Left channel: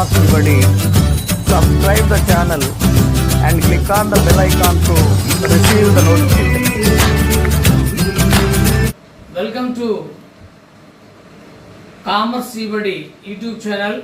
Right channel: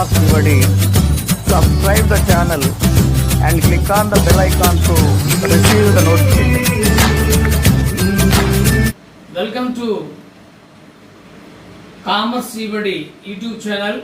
Thomas Nivadi. Subscribe the channel and click on the bell icon to receive the notification. Welcome to Thomas Nivadi YouTube channel.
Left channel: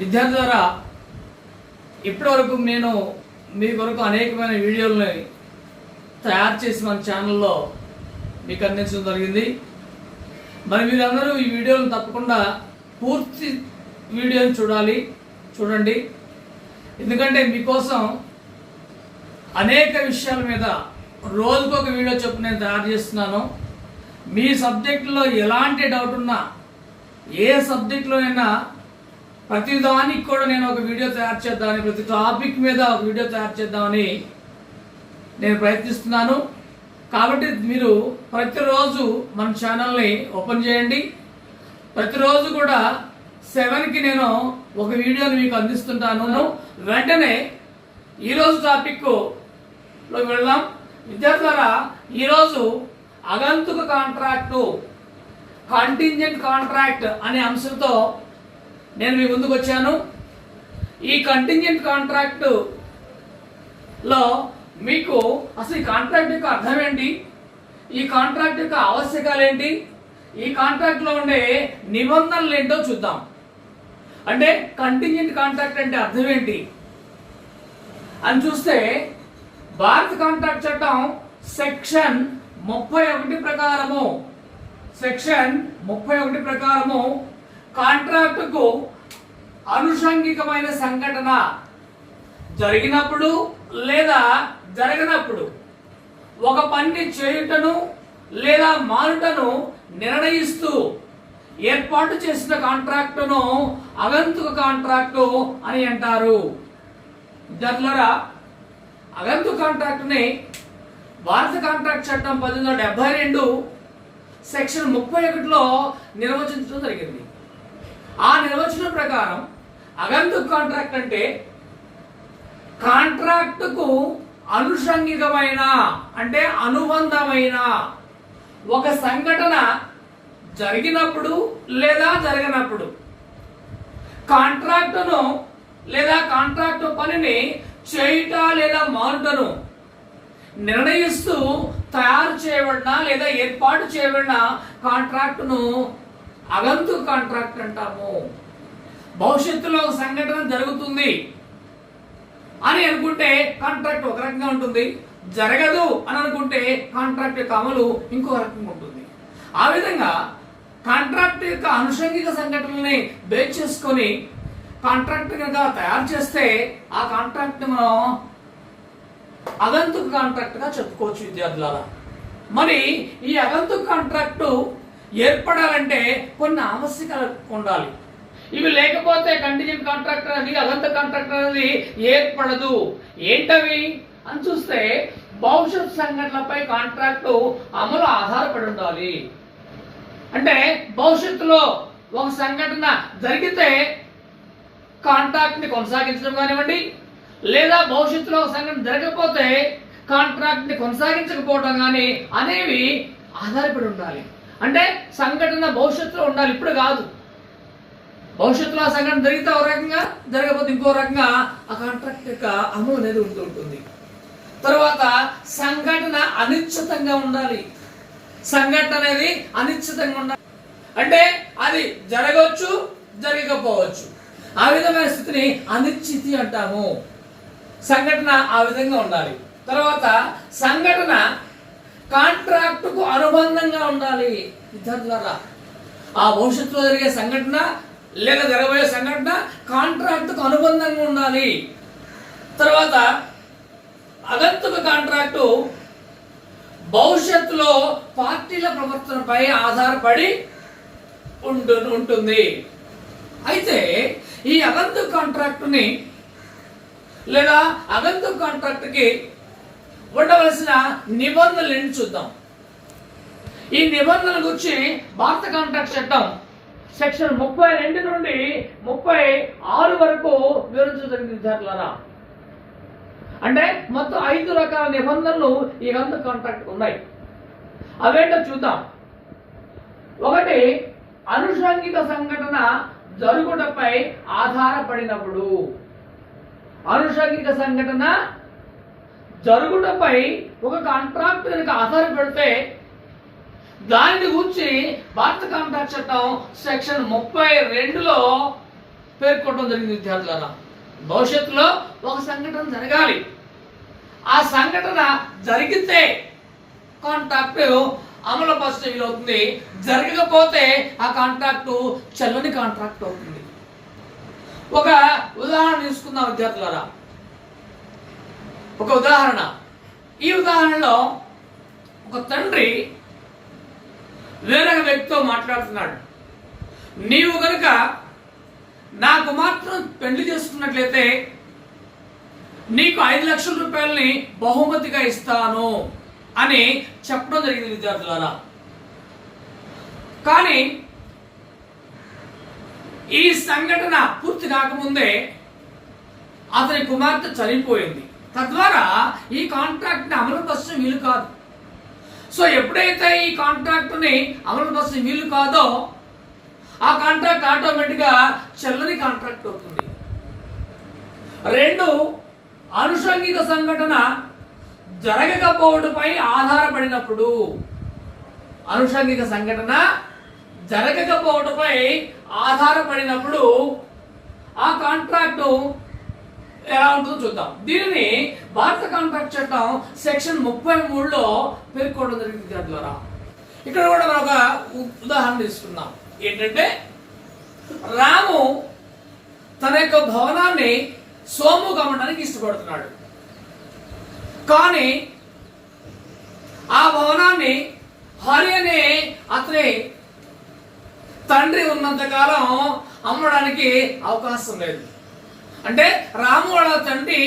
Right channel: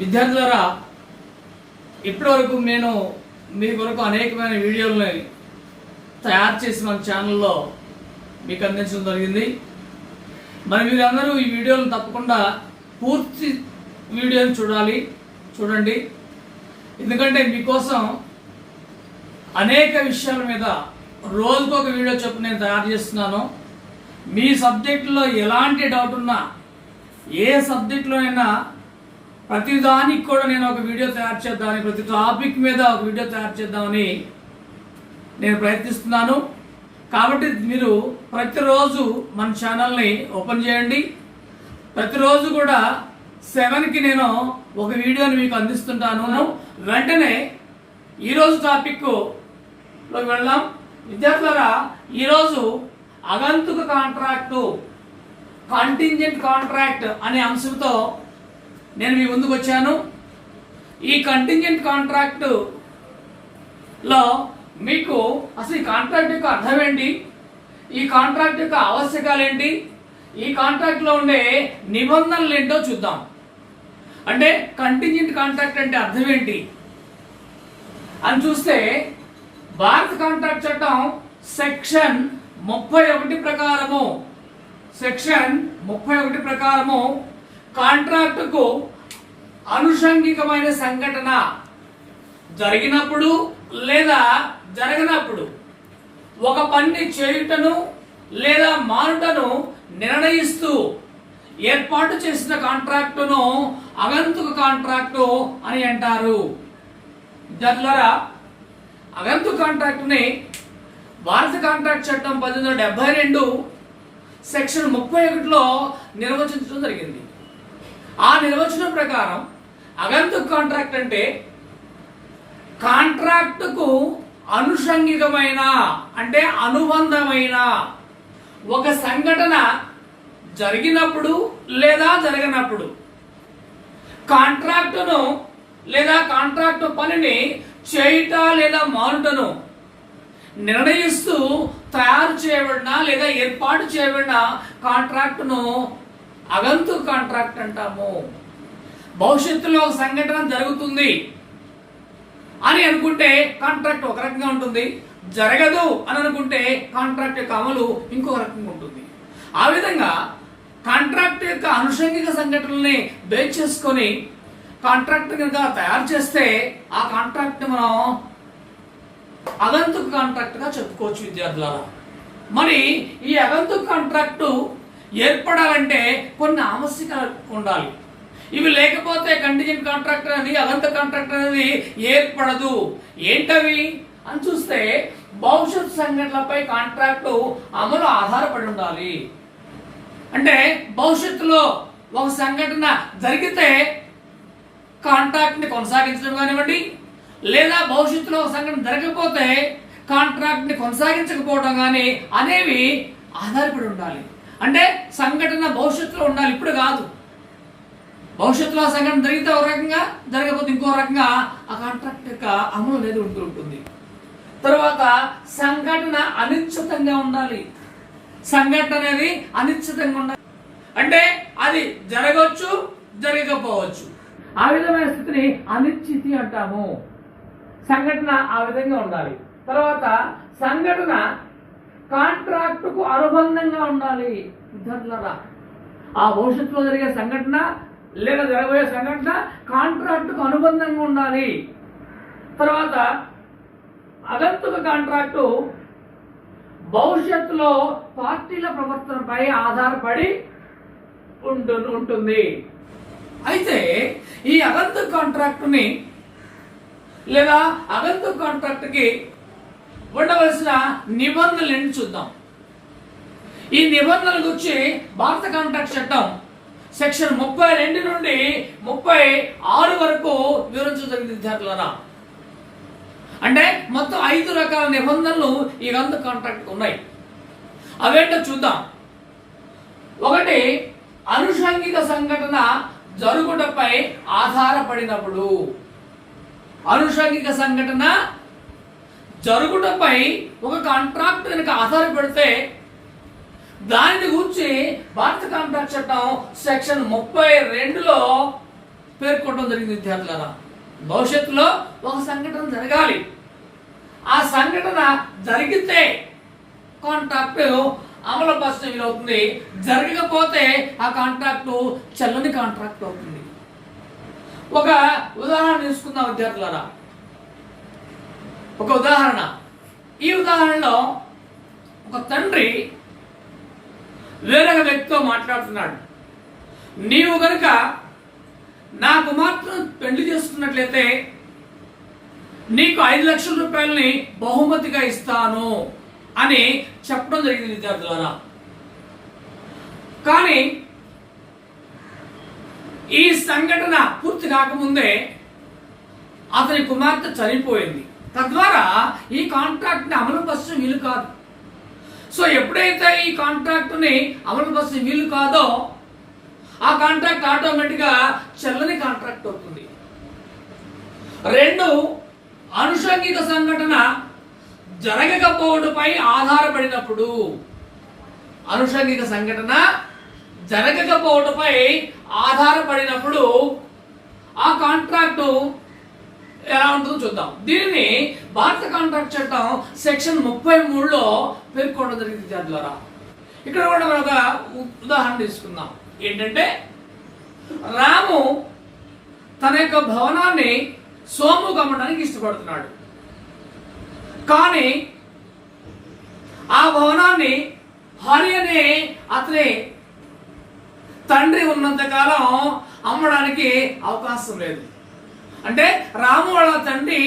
విద్యార్థులారా, ఇప్పటివరకు నేను మీ కొరకు అనేకమైన వీడియోలని తయారు చేసి మన ఛానల్లో మీకు అందించడం జరిగింది. మరి మీరందరూ ఈ వీడియోలను తప్పకుండా పూర్తి వీడియోని చూడండి. ఎందుకంటే మీకోసం అనేక విషయాల మీద రోజుకొక వీడియో చొప్పున నేను తయారు చేస్తున్నాను. మీ సబ్జెక్టులో ఎలాంటి డౌట్ ఉన్నా, ఏ సబ్జెక్టులోనైనా ప్రతిదానికి కూడా నేను ఒక వీడియో తయారు చేద్దామని, ప్రతి టాపిక్ మీద ఒక వీడియో తయారు చేద్దామని నేను ప్రయత్నిస్తున్నాను. కాబట్టి మీరు ప్రతిరోజు మన ఛానల్ని ఓపెన్ చేయండి. ప్రతిరోజు కూడా 7కి నేను ఒక వీడియోని మీకు అందిస్తుంటాను. వెంటనే ఈరోజు టాపిక్లోకి వెళ్దాం. విద్యార్థులారా, ఈరోజు అగంతుక కాంట్రాక్టు, కంటింజెంట్ కాంట్రాక్ట్ అనే అంశంతో నేను మీ ముందుకు వచ్చాను. ఈ కంటింజెంట్ కాంట్రాక్ట్ లో మీకు అసలు ఈ కాంట్రాక్ట్ యొక్క అర్థం ఏంటి, ఈ కాంట్రాక్ట్ యొక్క ఆవశ్యకాలు ఏంటి, ఈ కాంట్రాక్ట్ లో ఉండే నిబంధనలు ఏంటో చూద్దాం. అంటే కంటింజెంట్ కాంట్రాక్ట్ అంటే అర్థం ఏంటి అని చూస్తే, భారత కాంట్రాక్ట్ చట్టం సెక్షన్ 31 ప్రకారము కాంట్రాక్టుకు అనుషంగికమైన సంఘటన జరిగినప్పుడు లేదా జరగనప్పుడు ఒక పని చేయుటను లేదా మానుటను నిర్ణయిస్తూ ఏర్పాటు చేసిన కాంట్రాక్టును అగంతుక కాంట్రాక్టు అని అంటారు. విద్యార్థులారా, అగంతుక కాంట్రాక్టుని భారత కాంట్రాక్ట్ చట్టం 1872 సెక్షన్ 31లో నిర్వచించడం జరిగింది. ఆ నిర్వచనం ప్రకారం అగంతుక కాంట్రాక్ట్ అంటే కాంట్రాక్టుకు అనుషంగికమైన, అంటే అనుబంధమైన ఒక సంఘటన జరిగినప్పుడు లేదా జరగనప్పుడు కాంట్రాక్టును లేదా కాంట్రాక్టు పనిని చేయుట లేదా మానుటను నిర్ణయిస్తూ తయారు చేయబడిన లేదా ఏర్పాటు చేయబడిన కాంట్రాక్టును అగంతుక కాంట్రాక్ట్ అంటాము. భవిష్యత్తులో ఒక సంఘటన జరుగుతుంది అని అనుకుంటే కాంట్రాక్ట్ ఒక రకంగా ఉంటుంది, జరగదు అని అనుకుంటే కాంట్రాక్ట్ యొక్క అమలు ఇంకో రకంగా ఉంటుంది. ఆ విధంగా కాంట్రాక్ట్ యొక్క అనుషంగిక సంఘటనల్ని బేస్ చేసుకొని కాంట్రాక్ట్ కనుక తయారు చేస్తే ఆ కాంట్రాక్ట్ మనం అగంతుక కాంట్రాక్ట్ గా చెప్పుకోవచ్చు. విద్యార్థులారా, మరి ఈ అగంతుక కాంట్రాక్టు ఏర్పడాలంటే కొన్ని ఆవశ్యకాలు ఉండాలి. ఇవి లేకపోతే కంటింజెంట్ కాంట్రాక్ట్ అనేది, అగంతుక కాంట్రాక్ట్ అనేది ఏర్పడదు. ఏంటవి అని చూస్తే, భవిష్యత్ సంఘటనలపై కాంట్రాక్టు అమలు ఆధారపడి ఉండాలి. అంటే భవిష్యత్తులో ఒక సంఘటన జరిగితే కాంట్రాక్ట్ ని కొనసాగించడం కానివ్వండి, లేదా భవిష్యత్తులో ఒక సంఘటన జరగకపోతే కాంట్రాక్ట్ ని కొనసాగించకపోవడం కానీ అనేవి ఆధారపడి ఉండాలి. అంటే సంఘటన భవిష్యత్తులో ఉండాలి, ఇప్పుడు కాదు. భవిష్యత్తులో ఆ సంఘటన జరిగితే ఒక రకంగా, జరగకపోతే ఇంకో రకంగా ఆ కాంట్రాక్ట్ యొక్క అమలు అనేది ఉంటుంది. తర్వాత సంఘటన అనిశ్చితంగా ఉండాలి. సంఘటన అనేది అనిశ్చితంగా ఉండాలి అంటే అది జరగవచ్చు, జరగకపోవచ్చు. ఆ విధమైన స్థితిని అనిశ్చితి అంటాము. సంఘటన ఆ విధంగా ఉండాలి. తర్వాత సంఘటన కాంట్రాక్టుకు అనుబంధంగా ఉండాలి. విద్యార్థులారా, ఆ భవిష్యత్తులో జరిగే సంఘటన లేదా జరగబోయే సంఘటన కాంట్రాక్టుకు అనుబంధంగా ఉండాలి. తర్వాత అగంతుక కాంట్రాక్టు భవిష్యత్తులో పార్టీల ప్రవర్తనపై ఆధారపడి ఉంటుంది. అయితే ఈ అగంతుక కాంట్రాక్టుని లేదా అగంతుక కాంట్రాక్ట్కి ఉండవలసిన నిబంధనలు ఏంటి చూద్దాం. ఈ నిబంధనల గురించి భారత కాంట్రాక్ట్ చట్టం సెక్షన్ 32 నుండి 36 వరకు వివరించడం జరిగింది. విద్యార్థులారా, అంటే మొత్తం 5 రకాల నిబంధనలు ఈ అగంతుక కాంట్రాక్ట్ ఉన్నాయి. అవేంటో చూద్దాం. ఒకటి, అనుషంగిక సంఘటన జరుగుటపై ఆధారపడినప్పుడు. అనుషంగిక సంఘటన జరుగుటపై ఒక కాంట్రాక్ట్ కనుక ఆధారపడితే దానిని గురించి భారత కాంట్రాక్ట్ చట్టం సెక్షన్ 32లో పేర్కొనడం జరిగింది. విద్యార్థులారా, భవిష్యత్తులో ఒక సంఘటన జరగాలి, ఆ సంఘటన జరిగితే కాంట్రాక్ట్ అమలు పరచడం వీలవుతుంది, జరగకపోతే ఆ కాంట్రాక్టు చెల్లని కాంట్రాక్ట్ అవుతుంది. ఒక ఉదాహరణ తీసుకుందాం విద్యార్థులారా. ఒక ఉదాహరణ, ఈ ఉదాహరణలో ఒక తండ్రి వేరొక వ్యక్తితో మాట్లాడుతున్నాడు. నీవు గనుక నా కుమార్తెను పెళ్లి చేసుకున్నట్లయితే నీకు 5 లక్షల రూపాయలని బహుమతిగా ఇస్తాను అని చెప్పడం జరిగింది విద్యార్థులారా. కానీ ఈ సంఘటన పూర్తి కాకముందే అతని కుమార్తె చనిపోయింది. తద్వారా ఈ కాంట్రాక్ట్ ని అమలు పరచడం వీలు కాదు. సో ఎప్పుడైతే ఈ కాంట్రాక్ట్ ని అమలు పరచడం వీలు కాదో ఆ కాంట్రాక్ట్ ఆటోమేటిక్ గా చెల్లని కాంట్రాక్ట్ అవుతుంది. 2, అనుషంగిక సంఘటన జరగకపోవడంపై ఆధారపడినప్పుడు. అనుషంగిక సంఘటన జరగకపోవడంపై ఆధారపడినప్పుడు ఆ కాంట్రాక్టు ఎలా ఉంటుందో చూద్దాం. దీనిని భారత కాంట్రాక్ట్ చట్టం సెక్షన్ 33లో పేర్కొనడం జరిగింది విద్యార్థులారా. ఇక్కడ కూడా మనం ఒక ఉదాహరణ తీసుకుందాం. ఏంటంటే, రాము తన యొక్క భవనాన్ని సోముకు అమ్మడానికి ఇష్టపడుతున్నాడు. కానీ ఆ భవనాన్ని హరి అనే అతని తండ్రి ఉన్నంత కాలం అమ్మడానికి అవకాశం లేదు. అంటే రాము వాళ్ళ తండ్రి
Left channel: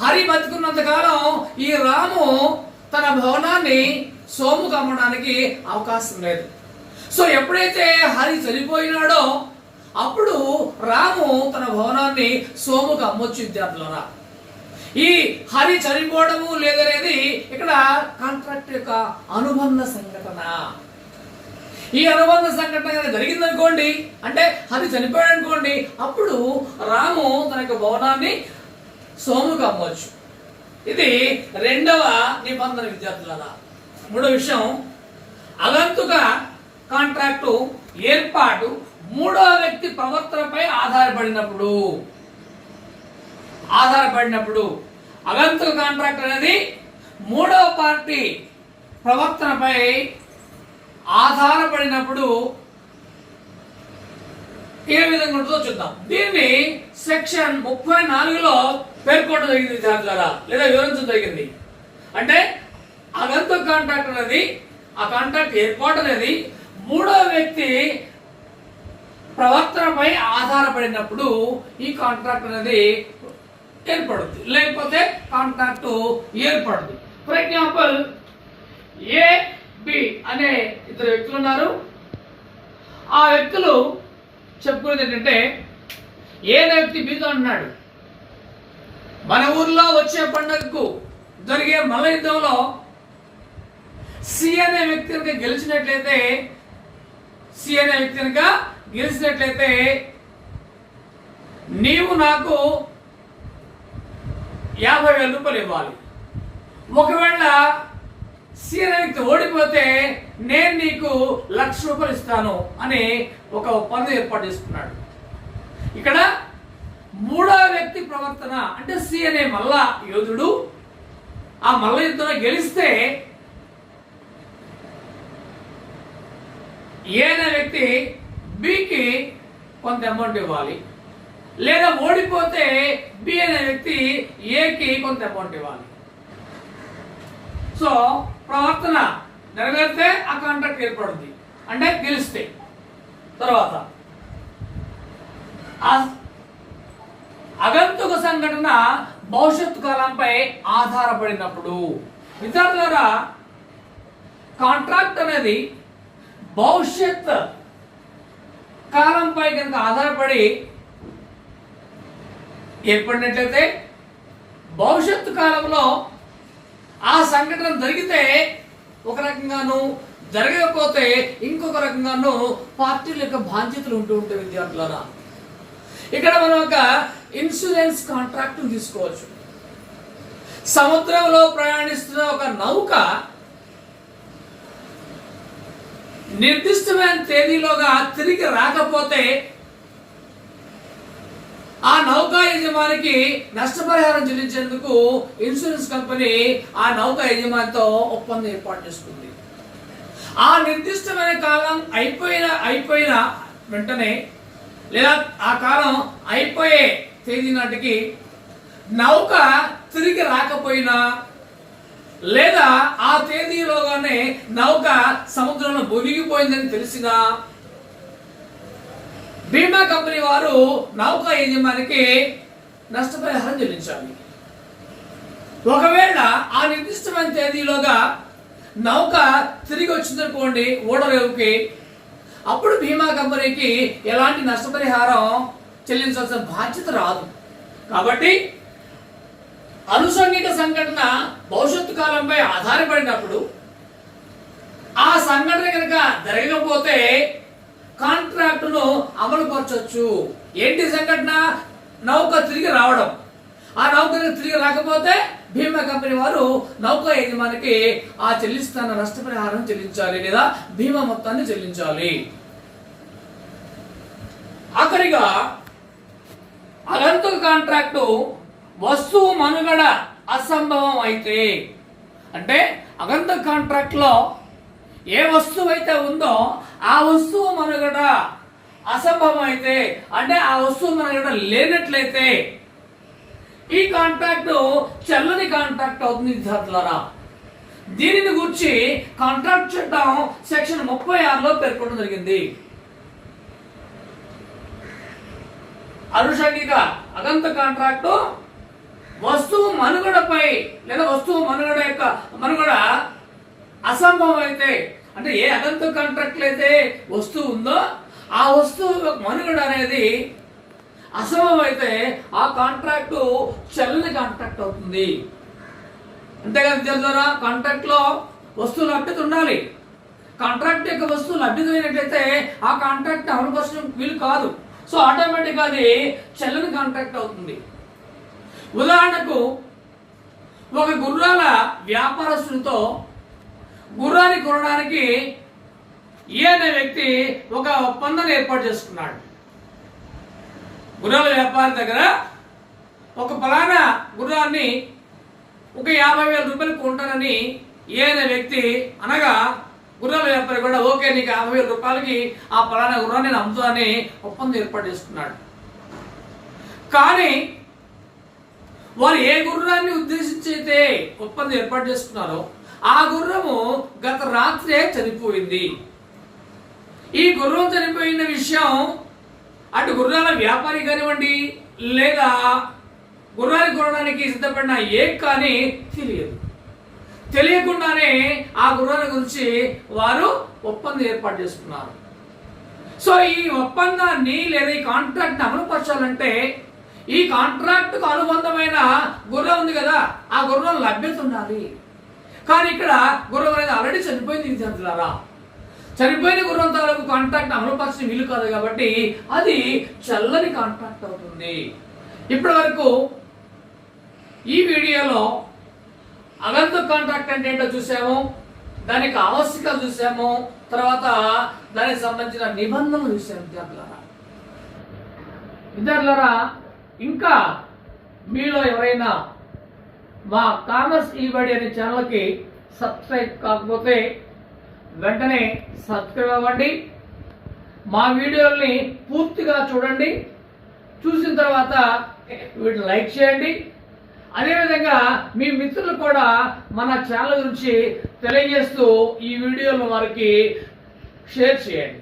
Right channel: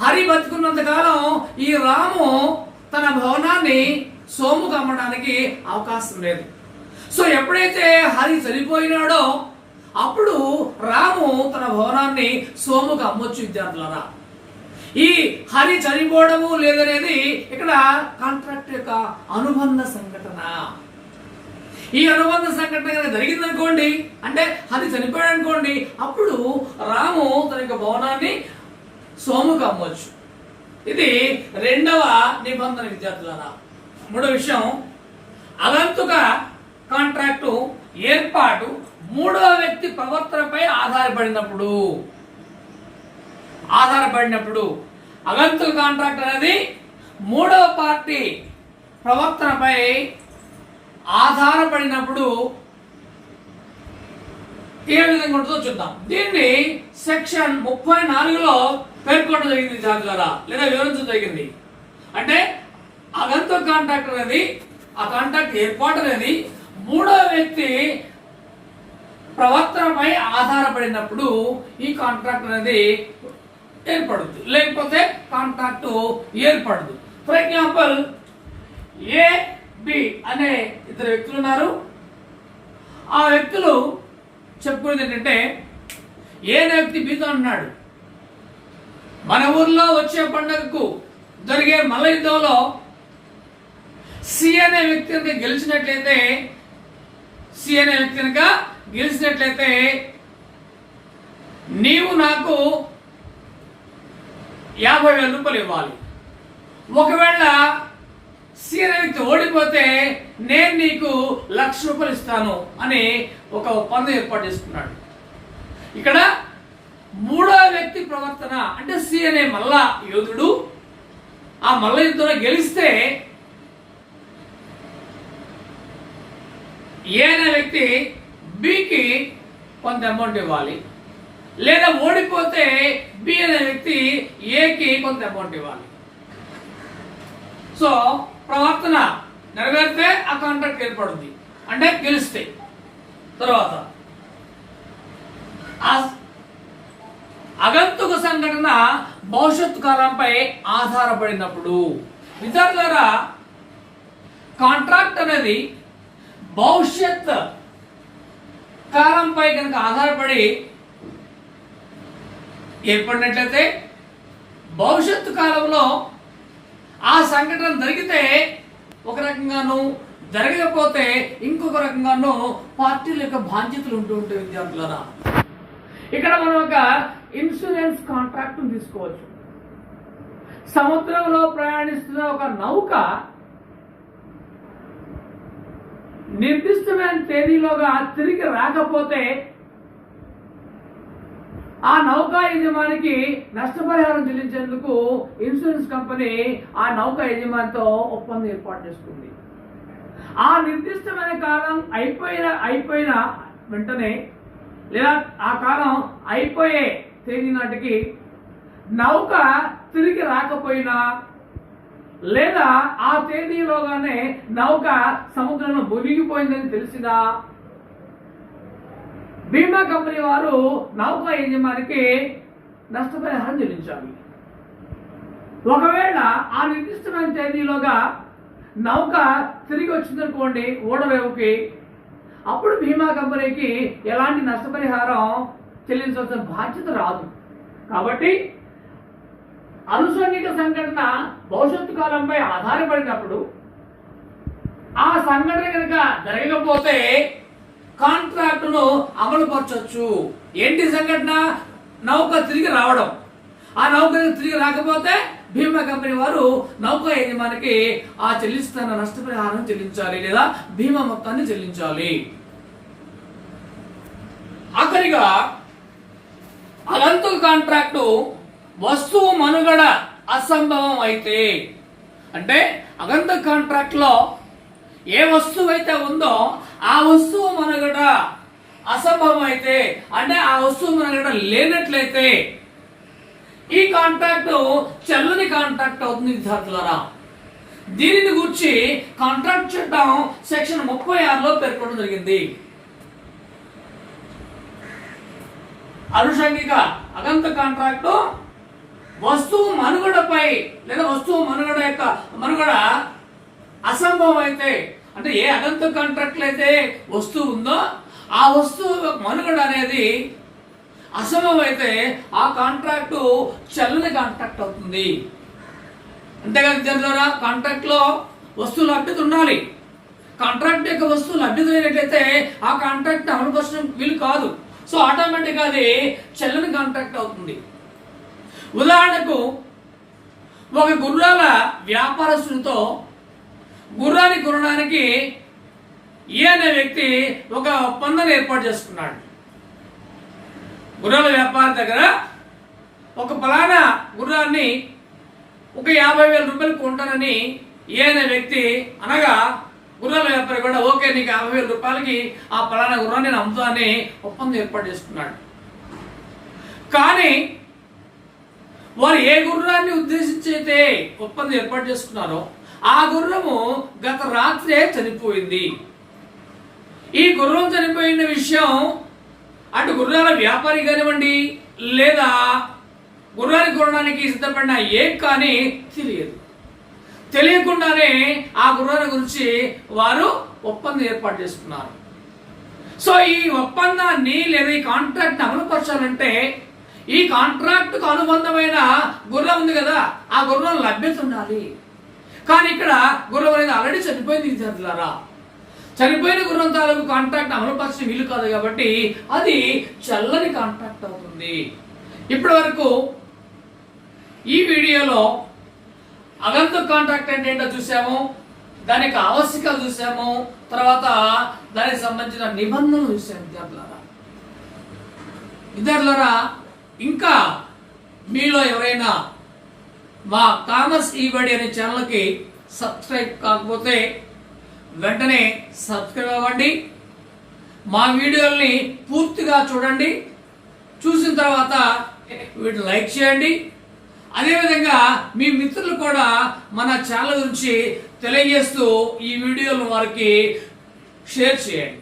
హరి బతుకున్నంత కాలం ఈ రాము తన భవనాన్ని సోముకు అమ్మడానికి అవకాశం లేదు. సో ఎప్పుడైతే హరి చనిపోయినాడో అప్పుడు రాము తన భవనాన్ని సోముకు అమ్మొచ్చు విద్యార్థులారా. ఈ హరి చనిపోవడము లేదనేది ఇక్కడ కాంట్రాక్ట్ యొక్క అనుబంధ సంఘటన. ఈ అనుబంధ సంఘటన కనుక జరిగిందనుకోండి, అంటే హరి చనిపోయాడు అనుకోండి, అప్పుడు రాము తన యొక్క భవనాన్ని సోముకు అమ్మవచ్చు. ఇది 2వ నిబంధన విద్యార్థులారా. 3వ విషయం, అగంతుక కాంట్రాక్టు ఏర్పాటు 3వ వ్యక్తి ప్రవర్తనపై ఆధారపడినప్పుడు. అగంతుక కాంట్రాక్ట్ అనేది 3వ పార్టీ ప్రవర్తనపై ఆధారపడినప్పుడు ఏ విధంగా ఉంటుందో చూద్దాం. దీన్ని సెక్షన్ 34లో పేర్కొనడం జరిగింది విద్యార్థులారా, లేదా వివరించడం జరిగింది. అంటే అగంతుక కాంట్రాక్ట్ అనేది, ఆ కాంట్రాక్ట్ ఏర్పాటు అనేది 3వ వ్యక్తి ప్రవర్తనపై ఆధారపడినప్పుడు ఈ కాంట్రాక్ట్ అనేది ఏర్పడుతుంది, లేకపోతే కాంట్రాక్ట్ ఏర్పడదు. ఫర్ ఎగ్జాంపుల్, ఏ బి అనే 2 వ్యక్తులు ఉన్నారు. ఆ వ్యక్తులు చెప్పుకునేది ఏంటంటే, ఏ వ్యక్తి బితో అన్నాడు, మన ఊర్లో వచ్చే పండుగకు జరిగే మల్ల యుద్ధంలో సి అనే వ్యక్తి కనుక గెలిచినట్లయితే నీవు నాకు 50,000 రూపాయలు ఇవ్వాలి. ఒకవేళ సి అనే వ్యక్తి ఓడిపోతే నేను నీకు 1,00,000 రూపాయలు ఇస్తాను అని ఒక ఒప్పందం ఏర్పాటు చేసుకున్నాడు. ఇక్కడ 3వ వ్యక్తి ప్రవర్తన అంటే సి అనే మల్ల యోధుడు ఆ మల్ల యుద్ధంలో గెలిస్తే ఏ అనే వ్యక్తి బికి కొంత అమౌంట్ ఇవ్వాలి, లేదా ఓడిపోతే బి అనే వ్యక్తి ఏకి కొంత అమౌంట్ ఇవ్వాలి. సో ప్రవర్తన నెరవేరితే ఆ కాంట్రాక్ట్ ఏర్పడుతుంది, అంటే గెలిస్తే. తర్వాత అగంతుక సంఘటన భవిష్యత్తు కాలంపై ఆధారపడినప్పుడు. విద్యార్థులారా, కాంట్రాక్ట్ అనేది భవిష్యత్ కాలంపై కనుక ఆధారపడి ఏర్పడినట్లయితే భవిష్యత్తు కాలంలో ఆ సంఘటన జరిగితే ఒక రకంగాను జరగకపోతే ఇంకొక రకంగానూ పార్టీల యొక్క బాధ్యతలు ఉంటూ ఉంటాయి విద్యార్థులారా. ఇక్కడ మనం ఒక ఇన్సూరెన్స్ కాంట్రాక్ట్ తీసుకోవచ్చు. సముద్రంలో ప్రయాణిస్తున్న ఒక నౌక నిర్దిష్టమైన తేదీలోగా తిరిగి రాకపోతే ఆ నౌకా యజమానికి నష్టపరిహారం చెల్లించేందుకు ఇన్సూరెన్స్ కంపెనీ ఆ నౌకా యజమానితో ఒప్పందం ఏర్పాటు చేసుకుంది. ఆ నిర్దిష్టమైన కాలం అయిపోయిన వెంటనే లేదా ఆ కాలం అయిపోయే తేదీ నాటికి నౌక తిరిగి రాకపోయినా లేదా ఆ తేదీలోగానే నౌక సముద్రంలో మునిగిపోయిందని తెలిసినా బీమా కంపెనీ వారు నౌక యజమానికి నష్టపరిహారం చెల్లించాలి. ఒకవేళ ఆ నిర్దిష్టమైన తేదీలోగా నౌక తిరిగి వచ్చిందనుకోండి ఓడరేవుకి, అప్పుడు బీమా కంపెనీకి ఎలాంటి నష్టపరిహారం చెల్లించాల్సిన బాధ్యత రాదు. కాబట్టి అనుషంగిక సంఘటన భవిష్యత్తు కాలంపై ఆధారపడినప్పుడు ఆ సంఘటన కనుక జరగకపోతే కాంట్రాక్టును అమలు పరచవచ్చు. ఏంటి సంఘటన? నౌక తిరిగి రావడం. ఆ నౌక తిరిగి రాకపోతే బీమా కంపెనీ వారు నౌక యజమానికి ఆ చెల్లిస్తున్న నష్టపరిహారం చెల్లించాలి లేదా బీమా మొత్తాన్ని చెల్లించాలి. ఆఖరిగా అలంతు కాంట్రాక్టు వస్తువు మనుగడ అసంభవం అయితే, అంటే అగంత కాంట్రాక్ట్ లో ఏ వస్తువు అయితే ఉందో ఆ వస్తువు మనుగడ అసంభవం అయితే, అంటే ఆ వస్తువు మనుగడ లేనట్లయితే ఈ కాంట్రాక్ట్ చెల్లని కాంట్రాక్ట్ అవుతుంది విద్యార్థులారా. దీనిని గురించి కాంట్రాక్ట్ చట్టం సెక్షన్ 36లో పేర్కొనడం జరిగింది. అనుషంగిక అగంత కాంట్రాక్ట్ వస్తువు మనుగడపై లేదా వస్తువు మనుగడ అసంభవం అయితే, అంటే ఏ అగంత కాంట్రాక్ట్ అయితే వస్తువు ఉందో ఆ వస్తువు మనుగడ అనేది అసంభవం అయితే ఆ కాంట్రాక్టు చెల్లని కాంట్రాక్ట్ అవుతుంది. అంతేకాదు విద్యార్థులారా, కాంట్రాక్ట్ లో వస్తువు లభ్యత ఉండాలి. కాంట్రాక్ట్ యొక్క వస్తువు లభ్యత లేనట్లయితే ఆ కాంట్రాక్ట్ అమలుపరచడం వీలు కాదు. సో ఆటోమేటిక్ అది చెల్లని కాంట్రాక్ట్ అవుతుంది. ఉదాహరణకు ఒక గుర్రాల వ్యాపారస్తునితో గుర్రాన్ని కొనడానికి ఏ అనే వ్యక్తి ఒక ఒప్పందాన్ని ఏర్పాటు చేసుకున్నాడు. గుర్రాల వ్యాపారి దగ్గర ఒక పలానా గుర్రాన్ని ఒక 50,000 రూపాయలు కొంటానని ఏ అనే వ్యక్తి అనగా గుర్రాల వ్యాపారి కూడా ఓకే నీకు 50,000 రూపాయలకి ఆ పలానా గుర్రాన్ని నేను అమ్ముతానని ఒప్పందం ఏర్పాటు చేసుకున్నాడు. కానీ వారు ఏ గుర్రాన్ని ఉద్దేశించి అయితే ఒప్పందం ఏర్పాటు చేసుకున్నారో ఆ గుర్రము గత రాత్రే చనిపోయింది. ఈ గుర్రం చనిపోయిన విషయం అటు గుర్రాల వ్యాపారి కానివ్వండి లేదా గుర్రాన్ని కొనడానికి సిద్ధపడిన ఏం కానీ తెలియకుండానే ఆ గుర్రాల గురించి వారు ఒప్పందం ఏర్పాటు చేసుకున్నారు. సో ఈ ఒప్పందాన్ని లేదా ఈ కాంట్రాక్ట్ అమలుపరచాలంటే ఈ కాంట్రాక్టుకు అనుబంధమైన గుర్రం ఉంది కదా, ఆ గుర్రం లభ్యత ఉండాలి. కానీ ఇక్కడ గుర్రం అనేది ఆల్రెడీ చనిపోయింది విద్యార్థులారా. చనిపోయిన గుర్రం తాలూకు కాంట్రాక్ట్ అమలుపరచడం వీలు కాదు కాబట్టి అది చల్లని కాంట్రాక్ట్ అవుతుంది. ఇప్పటి వరకు ఈ వీడియోలో అగంతు కాంట్రాక్ట్ అంటే ఏంటో చూసాము, దానికి ఆవశ్యకాలు చూసాము, తర్వాత దానికి సంబంధించిన నిబంధనలు చూసాము. విద్యార్థులారా ఇంకా మీలో ఎవరైనా మా కామర్స్ ఈబడి అనే ఛానల్కి సబ్స్క్రైబ్ కాకపోతే వెంటనే సబ్స్క్రైబ్ అవ్వండి. మా వీడియోల్ని పూర్తిగా చూడండి. చూసిన తర్వాత వీటిని లైక్ చేయండి. అదేవిధంగా మీ మిత్రులు కూడా మన ఛానల్ గురించి తెలియజేస్తూ ఈ వీడియోను వారికి షేర్ చేయండి.